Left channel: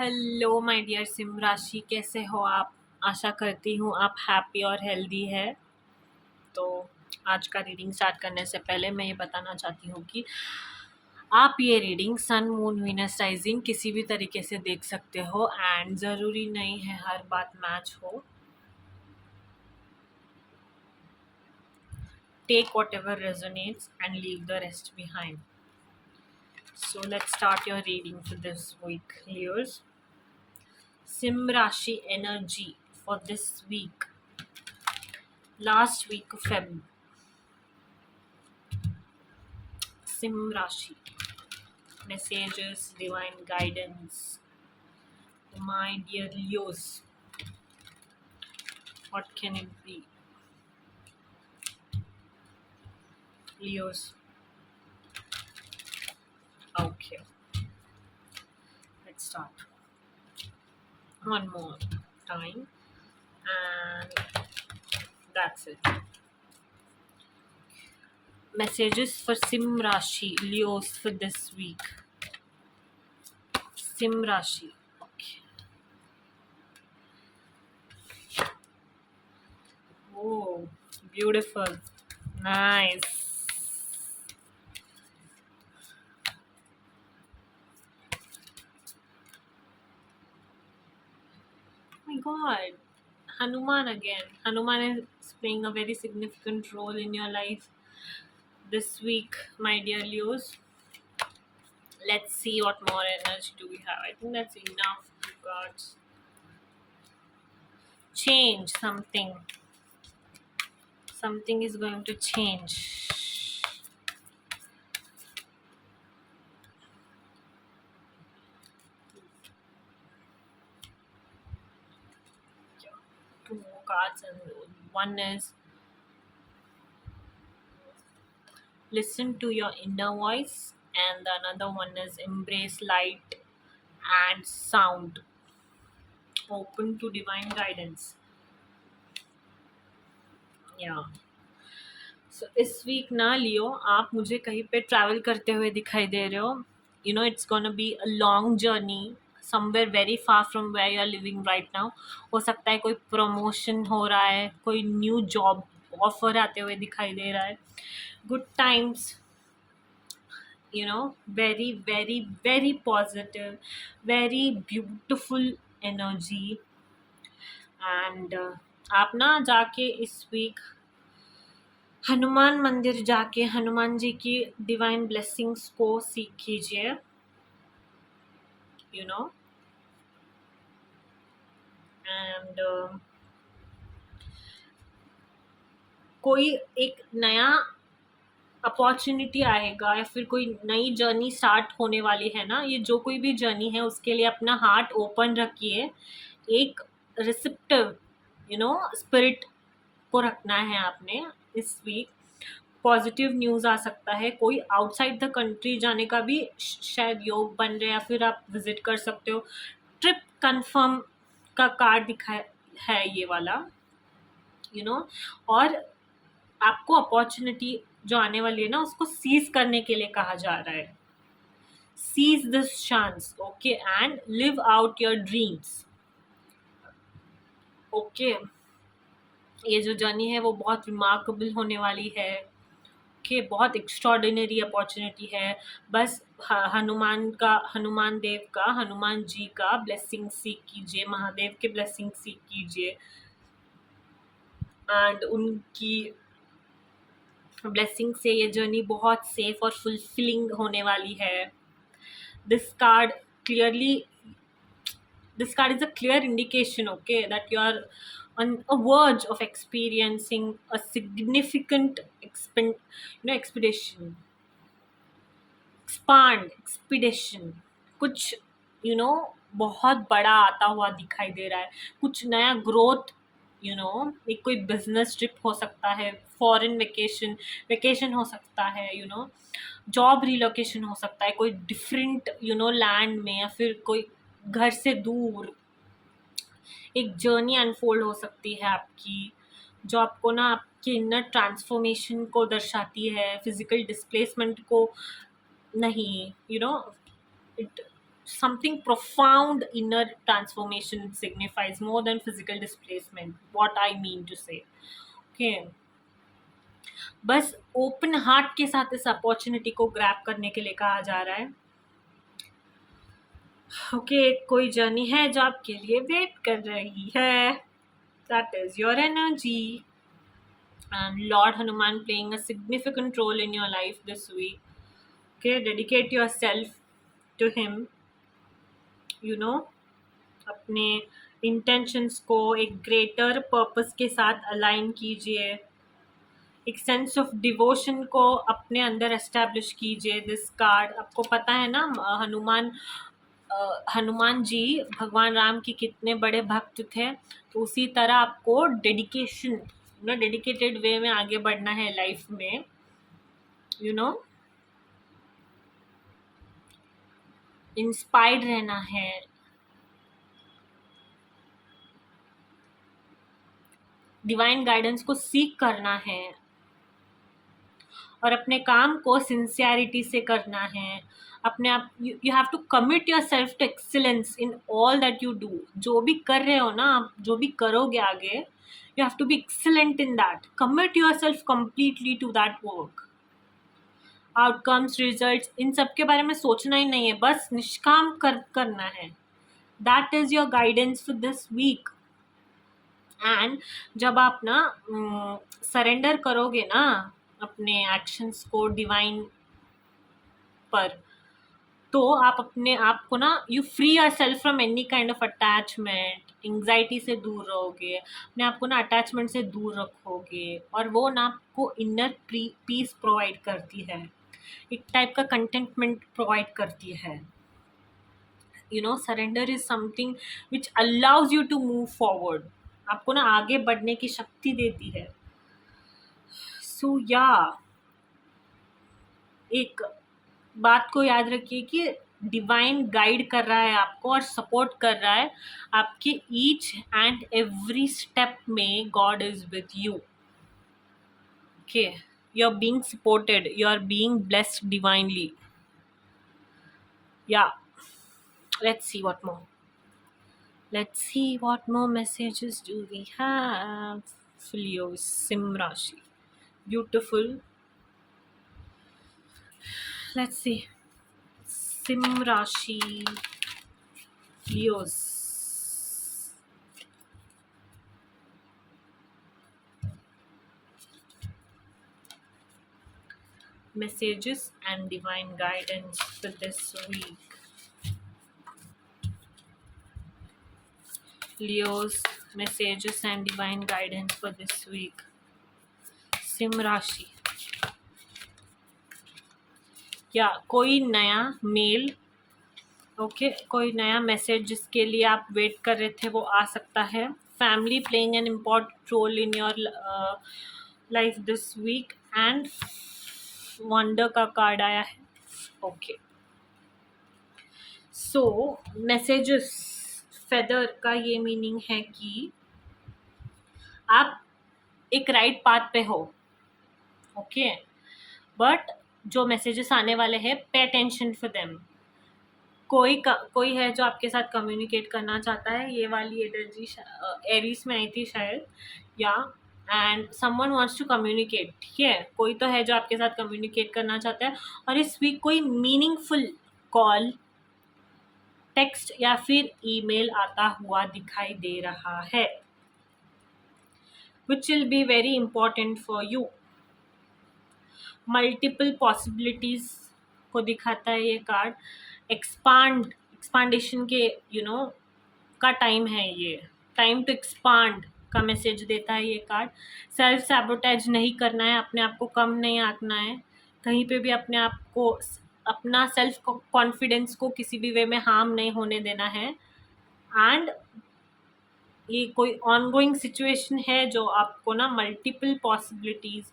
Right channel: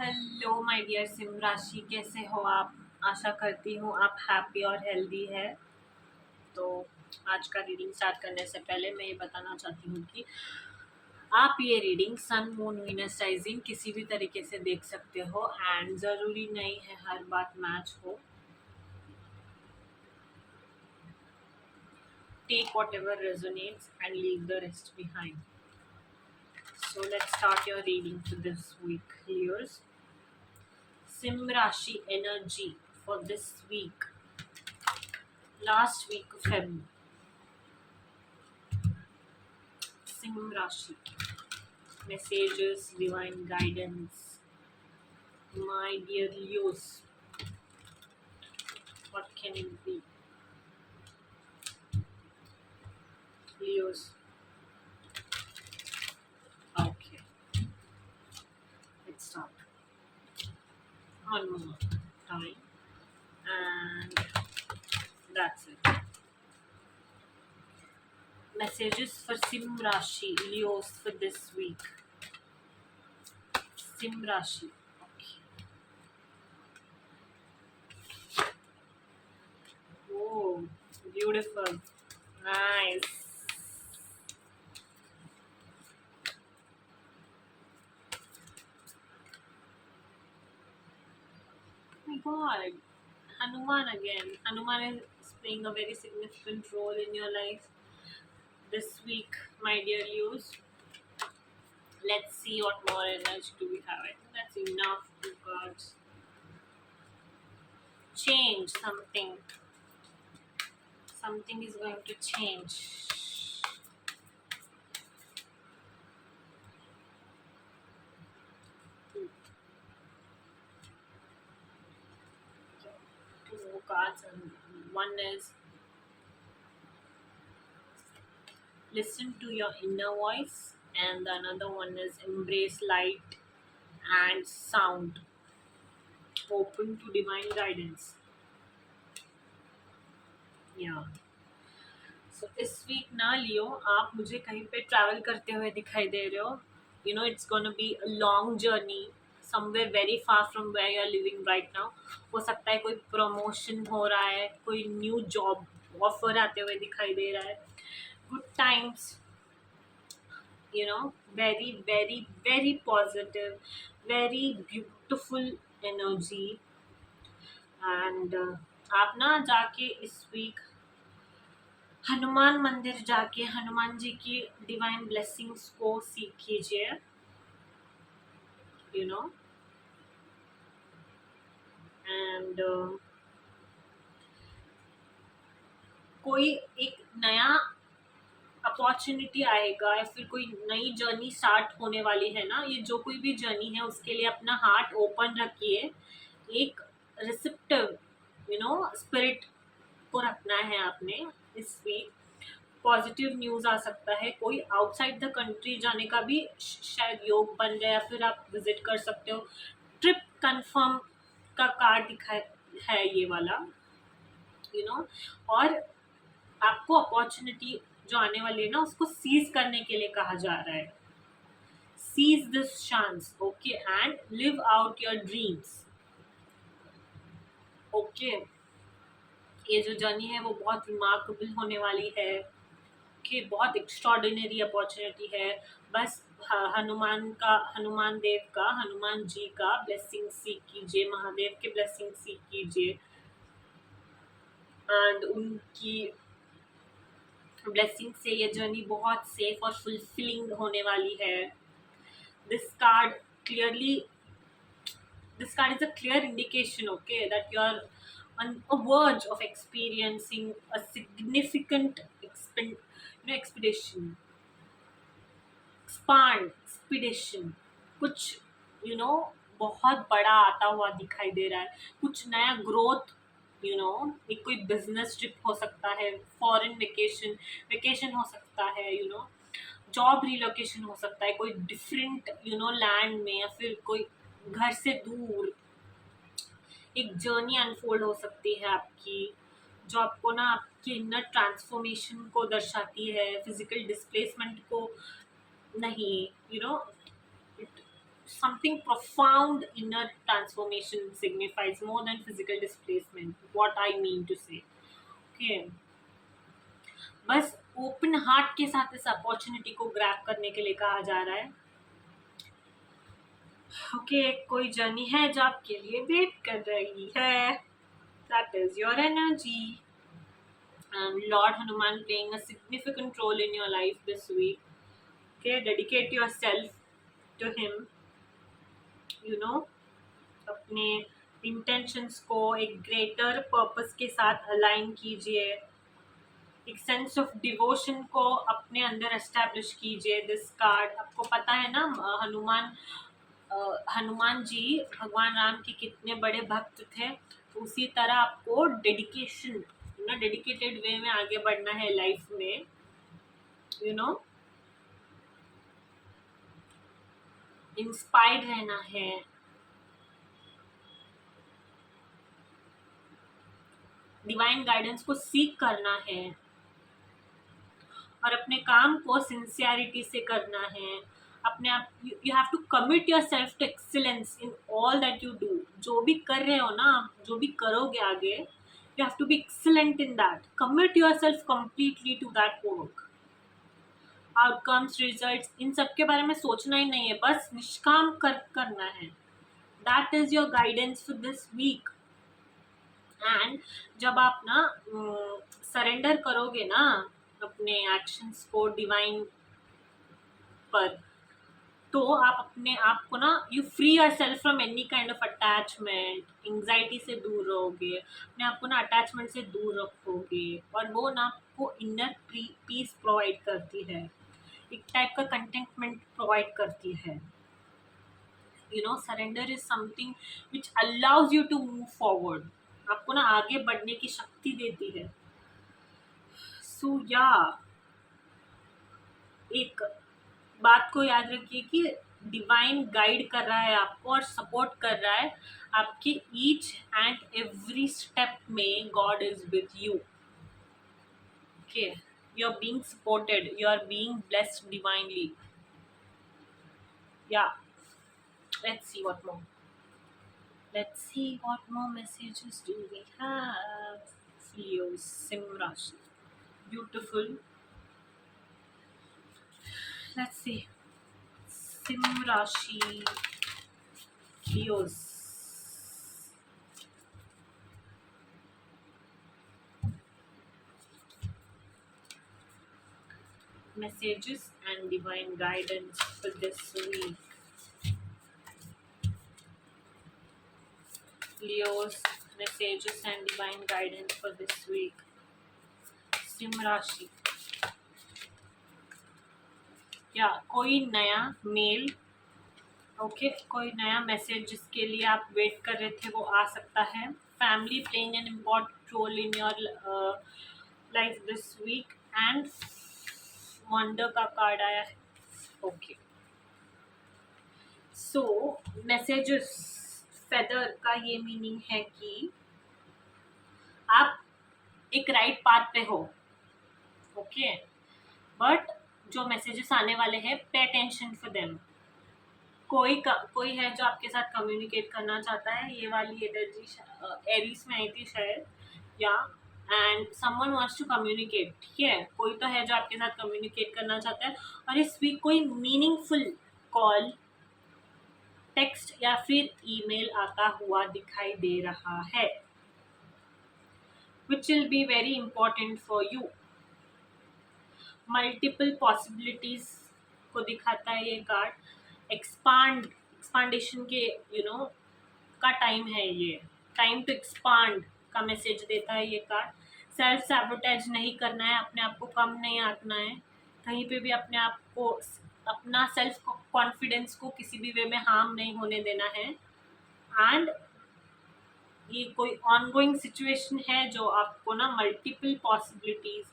Hello my dear SIM राशि, कैसे हो आप? आशा करती हूँ आप हैप्पी और हेल्दी है। तो आज का रीडिंग स्टार्ट करने से पहले मैं ये बताना चाहती हूँ कि आप ये reading sun moon Venus rising किसी भी तरीके से देख सकते हो एंड ज़रूरी नहीं है हर बात मैच हो। Take whatever resonates and leave the rest behind. So let's start your reading for this week, Leos. Sim Rashi energy for this week. Last week of Feb. Sim Rashi. Messages, divine guidance. My dear Leos. What can it be? Leos. Okay. Let's start. One more time. And that's it. Messages for Sim Rashi. Leos for this week. Sim Rashi. Okay. Oh, beautiful. Nice. Oh my god. Hanuman again. Hanuman is playing a very significant role in your life this week, my dear Leos. Let's see what more energy do we have. I think that's enough. Two cards. Change something. Something is going to change. Two more cards, and one is listen to your inner voice, and the another one is embrace light and sound. Open to divine guidance. Yeah. सो इस week ना लियो, आप मुझे कहीं पे travel करते हुए दिखाई दे रहे हो. It's gonna be a long journey somewhere very far from where you are living right now. हो सकता है कोई प्रमोशन हो रहा है, कोई न्यू जॉब ऑफर आते हुए दिखाई दे रहा है. Good times, very very very positive, very beautiful energy. And आप ना जाके इस वीक हनुमान मंदिर जाके हनुमान जी की डिवाइन ब्लेसिंग्स को सीख कीजिए. यू नो एंड कोई एक नया अपॉर्चुनिटी आएगा या फिर कोई नई जर्नी स्टार्ट होने वाली है ना. ये जो कोई भी जर्नी है उसके लिए अपना हार्ट ओपन रखिए. एक रिसेप्टिव स्पिरिट को रखना है आपने इस वीक. पॉजिटिव न्यूज़ आ सकता है. कोई आउटसाइड द कंट्री जाने का भी शायद योग बन रहा है या फिर आप विजिट कर सकते हो. ट्रिप कंफर्म का कार्ड दिखा है ये वाला. और आपको अपॉर्चुनिटी जो आने वाली है ना उसको सीज करने के लिए कहा जा रहा है. Seize this chance, okay, and live out your dreams. Okay, ये जो जर्नी है वो बहुत रिमार्केबल होने वाली है. कि बहुत एक्स्ट्रॉर्डिनरी अपॉर्चुनिटी है. बस हनुमान जी का ब्लेसिंग सीख कीजिए, महादेव के ब्लेसिंग सीख कीजिए एंड उनकी ब्लेसिंग से ये जर्नी बहुत सेफ और फुलफिलिंग होने वाली है. This card clearly this card is a clear indication, okay, that you are on a verge of experiencing a significant expedition, कुछ बहुत बड़ा आता हुआ दिखाई दे रहा है. कुछ नया ग्रोथ, एक कोई बिजनेस ट्रिप हो सकता है, फॉरेन वेकेशन हो सकता है, जॉब रिलोकेशन हो सकता है, कोई डिफरेंट लैंड में या फिर कोई घर से दूर एक जर्नी अनफोल्ड हो सकती है आपकी, जो आपको ना आपके इनर ट्रांसफॉर्मेशन को दर्शाती है, फिजिकल डिस्प्लेसमेंट को नहीं. It something profound inner transformation signifies more than physical displacement, what I mean to say. Okay, बस ओपन हार्ट के साथ इस अपॉर्चुनिटी को ग्रैब करने के लिए कहा जा रहा है. ओके, कोई जर्नी है जो आपके लिए वेट कर रही है. That is your energy and Lord Hanuman playing a significant role in your life this week. Okay, dedicate yourself to him. You know, अपने intentions को एक greater purpose के साथ align कीजिए. एक सेंस ऑफ डिवोशन को अपने अंदर एस्टैब्लिश कीजिए. दिस कार्ड, आपको पता है ना, हनुमान जी भगवान राम के कितने बड़े भक्त थे. तो उसी तरह आपको डेडिकेशन, डेडिकेटेड वे में आगे बढ़ना है लाइफ में. यू नो, इंस्पायर्ड रहना है. डिवाइन गाइडेंस को सीक करना है और अपने काम को सिंसियरिटी से करना है. अपने आप, you have to commit yourself to excellence in all that you do. जो भी कर रहे हो ना, जो भी करोगे आगे, you have to be excellent in that. Commit yourself completely to that work. Outcomes, results, इन सब के बारे में सोचना ही नहीं है, बस निष्काम करना है. That is your guidance for this week. And जब आप ना सरेंडर करोगे ना अपने एक्शंस को डिवाइन पर, तो आप अपने आप को ना, you free your self from any kind of attachment. Anxiety से दूर रहोगे, अपने आप को ना अटैचमेंट से दूर रखोगे, और वो ना आपको इनर पीस प्रोवाइड करती है, एक टाइप का कंटेंटमेंट प्रोवाइड करती है. You know, surrender is something which allows you to move forward. आपको ना आगे बढ़ने की शक्ति देती है. सो या, एक बात को याद रखिए कि डिवाइन गाइड कर रहा है आपको और सपोर्ट कर रहा है आपके ईच एंड एवरी स्टेप में. God is with you. Okay, you are being supported, you are being blessed divinely. Yeah, let's see what more. Let's see what more messages do we have. Leo, Sim Rashi. Beautiful. Let's see. Sim Rashi. Leos. Messages and divine guidance for this week. Leo's messages and divine guidance for this week. Sim Rashi. या कोई नया mail, okay, कोई नया message जिसके लिए आप wait कर रहे थे वो आ सकता है. Family playing an important role in your life this week. And wonder का कार्ड आया है. ओके, सो मैसेजेस, फेदर का ये मीनिंग है कि आप एक राइट पाथ पे हो. ओके, बट जो मैसेजेस आने वाले हैं, पे अटेंशन फॉर देम. कोई है जो आपके साथ कम्युनिकेट करना चाहता है. ये वाली एनर्जी एरीज में आई थी शायद. Yeah, and someone wants to communicate. ठीक है, कोई तो है जो आपके साथ कम्युनिकेट करना चाहता है. और इस वीक कोई मीनिंगफुल कॉल, टेक्स्ट या फिर ईमेल आता हुआ दिखाई दे रहा है, which will be very important for you. Multiple possibilities को दिखाता है ये कार्ड. एक्सपांडेशन के का टाइम है ये. टाइम टू एक्सपांड का मैसेज देता है ये कार्ड. सेल्फ सैबोटेज नहीं करना है, अपने आप को कम नहीं आंकना है कहीं पे भी. अपने आप को, अपना सेल्फ कॉन्फिडेंस को किसी भी वे में हार्म नहीं होने देना है. एंड ये कोई ऑनगोइंग सिचुएशन है जो आपको ना मल्टीपल पॉसिबिलिटीज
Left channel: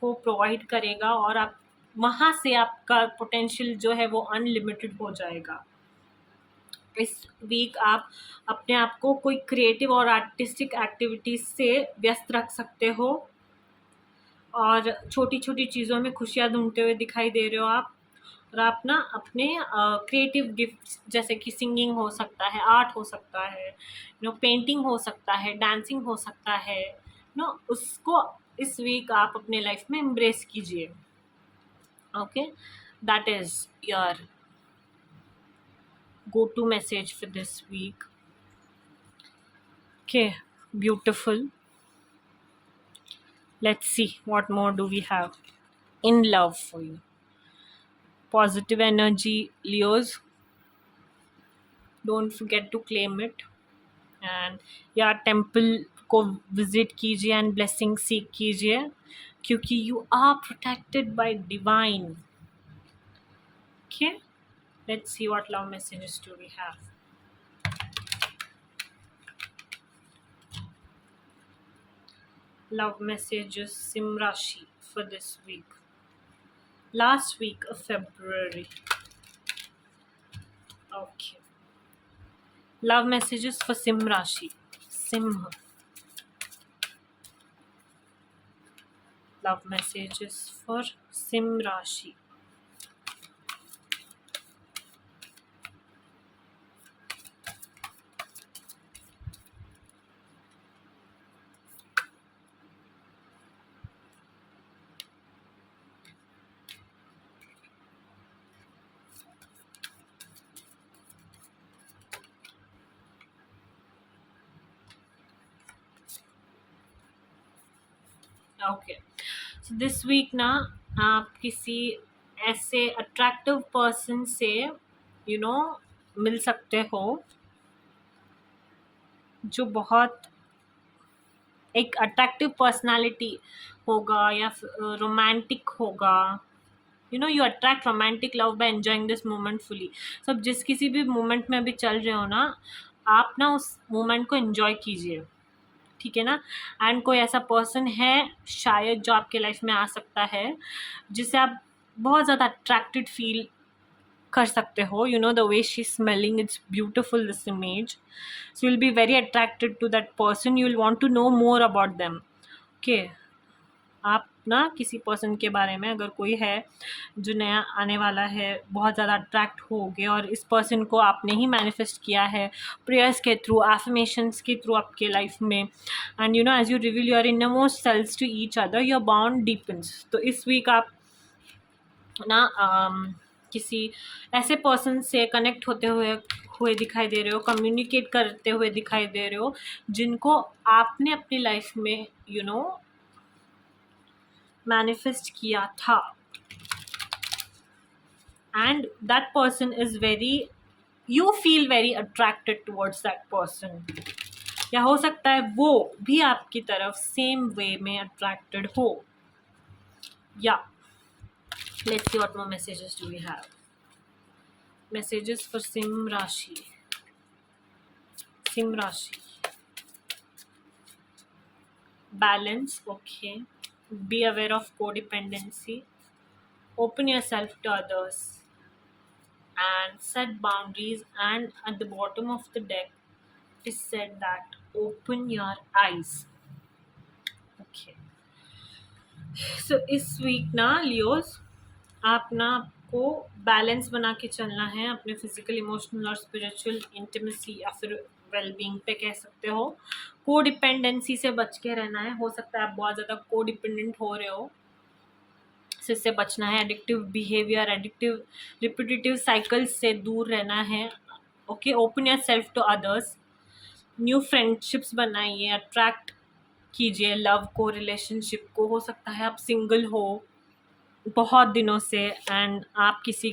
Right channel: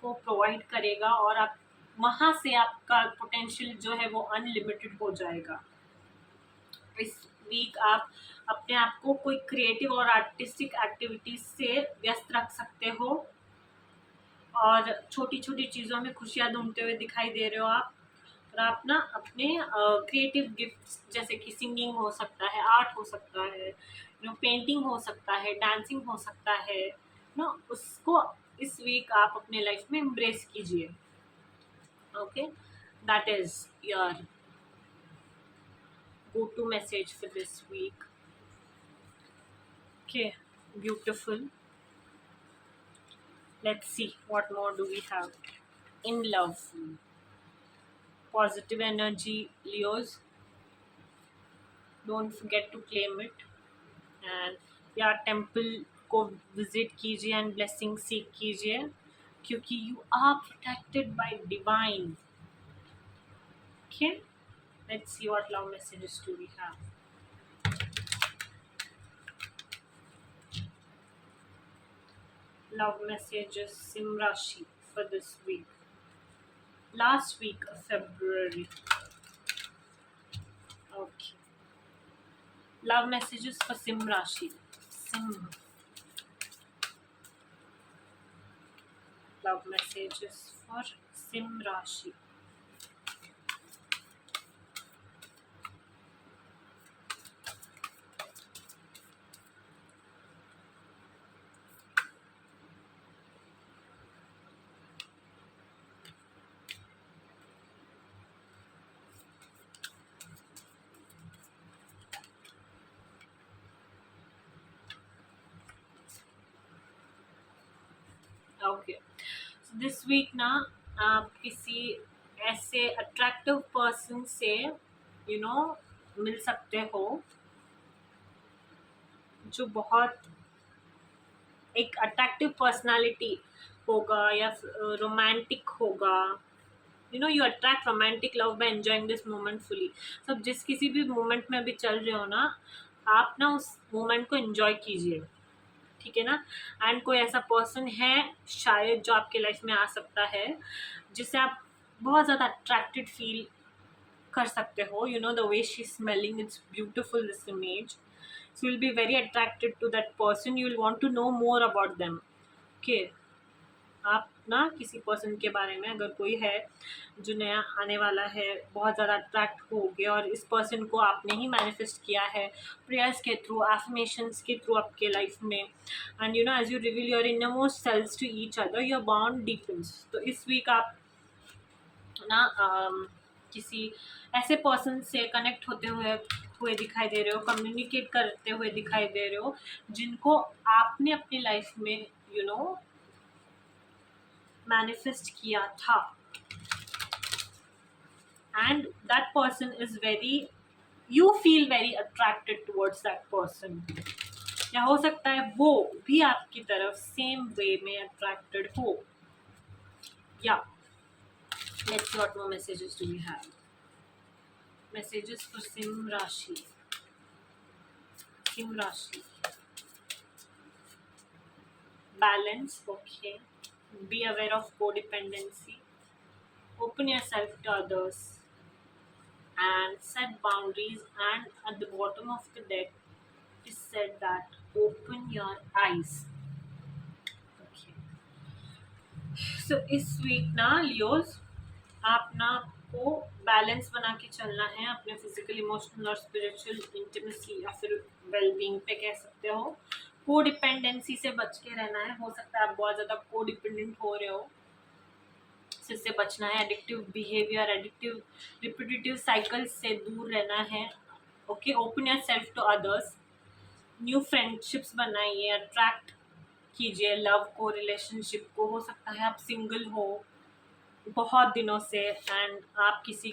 को प्रोवाइड करेगा, और आप वहाँ से आपका पोटेंशियल जो है वो अनलिमिटेड हो जाएगा. इस वीक आप अपने आप को कोई क्रिएटिव और आर्टिस्टिक एक्टिविटीज से व्यस्त रख सकते हो, और छोटी छोटी चीज़ों में खुशियाँ ढूंढते हुए दिखाई दे रहे हो आप. और आप ना अपने क्रिएटिव गिफ्ट्स जैसे कि सिंगिंग हो सकता है, आर्ट हो सकता है, पेंटिंग हो सकता है, डांसिंग हो सकता है, उसको इस वीक आप अपने लाइफ में एम्ब्रेस कीजिए. Okay, that is your go to message for this week. Okay, beautiful. Let's see what more do we have in love for you. Positive energy, Leos. Don't forget to claim it. And या temple को visit कीजिए and blessing seek कीजिए, क्योंकि you are protected by divine. Okay, let's see what love messages do we have. Love messages Sim Rashi for this week. Last week of February. Okay. Love messages for Sim Rashi. Simha. Love messages for Sim Rashi. Okay, so this week ना आप किसी ऐसे attractive person से मिल सकते हो जो बहुत एक अट्रैक्टिव पर्सनालिटी होगा या रोमांटिक होगा. You attract romantic love by enjoying this moment fully. सब जिस किसी भी मोमेंट में अभी चल रहे हो ना, आप ना उस मोमेंट को एंजॉय कीजिए, ठीक है ना. एंड कोई ऐसा पर्सन है शायद जो आपके लाइफ में आ सकता है जिससे आप बहुत ज़्यादा अट्रैक्टेड फील कर सकते हो. The way she smelling, it's beautiful this image. So you will be very attracted to that person. You will want to know more about them. Okay, आप ना किसी पर्सन के बारे में, अगर कोई है जो नया आने वाला है, बहुत ज़्यादा अट्रैक्ट होगे और इस पर्सन को आपने ही मैनिफेस्ट किया है प्रेयर्स के थ्रू, एफर्मेशंस के थ्रू आपके लाइफ में. And as you reveal your innermost selves to each other, your bond deepens. तो इस वीक आप ना किसी ऐसे पर्सन से कनेक्ट होते हुए दिखाई दे रहे हो, कम्युनिकेट करते हुए दिखाई दे रहे हो, जिनको आपने अपनी लाइफ में मैनिफेस्ट किया था. And that person is very, you feel very attracted towards that person. या हो सकता है वो भी आपकी तरफ सेम वे में अट्रैक्टेड हो. या let's see what more messages do we have. Messages for Sim Rashi. Sim Rashi. Balance, okay. Be aware of codependency. Open yourself to others and set boundaries. And at the bottom of the deck it is said that open your eyes. Okay, so इस week ना Leos, आप ना आपको balance बना के चलना है अपने फिजिकल, इमोशनल और स्पिरिचुअल इंटीमेसी या फिर वेलबींग पे कह सकते हो. को डिपेंडेंसी से बच के रहना है. हो सकता है आप बहुत ज़्यादा को डिपेंडेंट हो रहे हो, इससे बचना है. Addictive behaviour, addictive repetitive cycles से दूर रहना है. Okay, open yourself to others. New friendships बनाइए, अट्रैक्ट कीजिए लव को, रिलेशनशिप को. हो सकता है आप सिंगल हो बहुत दिनों से एंड आप किसी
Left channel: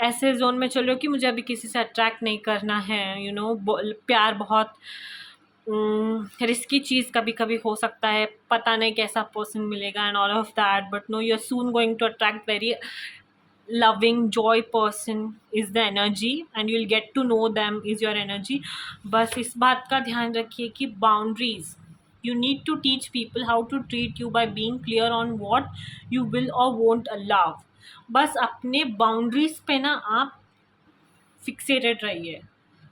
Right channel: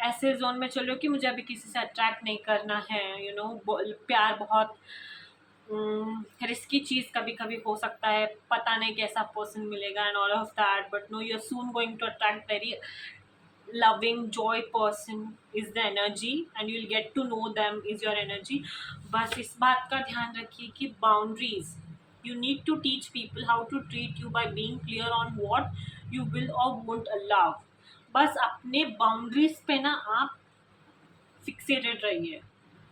ऐसे जोन में चल रहे हो कि मुझे अभी किसी से अट्रैक्ट नहीं करना है. प्यार बहुत रिस्की चीज़ कभी कभी हो सकता है. पता नहीं कैसा पर्सन मिलेगा and all of that, but no, you are soon going to attract very loving joy person is the energy and you'll get to know them is your energy. बस इस बात का ध्यान रखिए कि boundaries, you need to teach people how to treat you by being clear on what you will or won't allow. बस अपने boundaries पे ना आप फिक्सेटेड रहिए,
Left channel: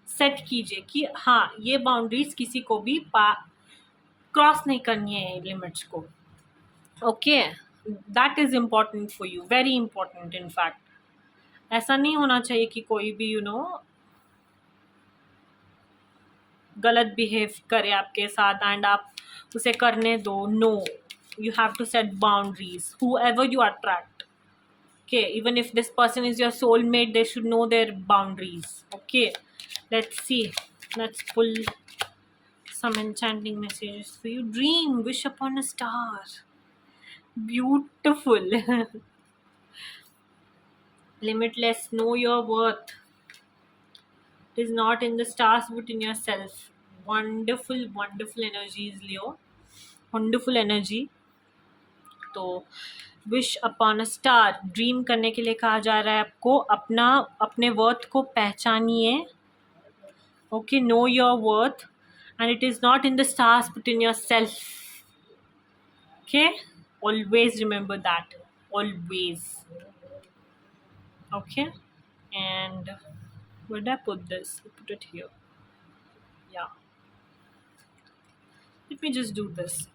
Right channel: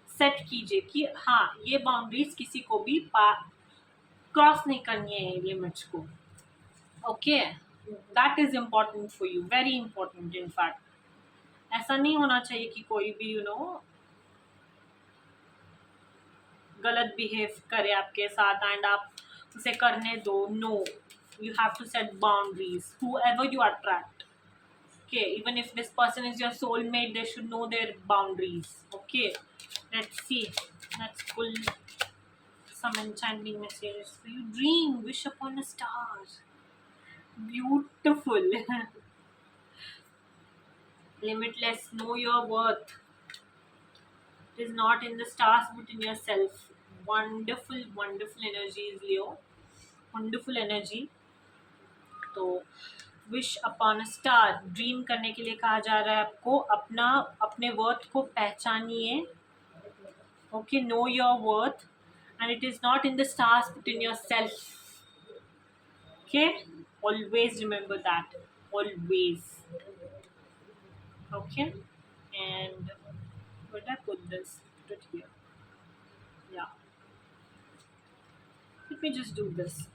सेट कीजिए कि हाँ ये बाउंड्रीज किसी को भी क्रॉस नहीं करनी है लिमिट्स को. Okay, that is important for you, very important in fact. ऐसा नहीं होना चाहिए कि कोई भी गलत बिहेव करे आपके साथ एंड आप उसे करने दो. No, you have to set boundaries whoever you attract. Okay, even if this person is your soulmate, they should know their boundaries. Okay, let's see. Let's pull some enchanting messages for you. Dream, wish upon a star. Beautiful. Limitless, know your worth. It is not in the stars but in yourself. Wonderful, wonderful energies, Leo. Wonderful energy. तो wish upon a star, dream करने के लिए कहा जा रहा है आपको. अपने वर्थ को पहचानिए. Okay, know your worth and it is not in the stars but in yourself. Okay, always remember that. Always. Okay, and where did I put this? I put it here. Yeah, let me just do this.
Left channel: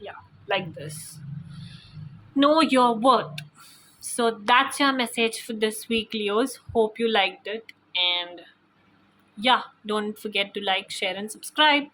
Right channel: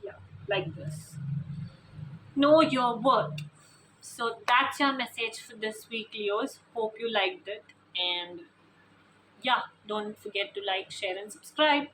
Yeah, like this. Know your worth. So that's your message for this week, Leos. Hope you liked it. And yeah, don't forget to like, share, and subscribe.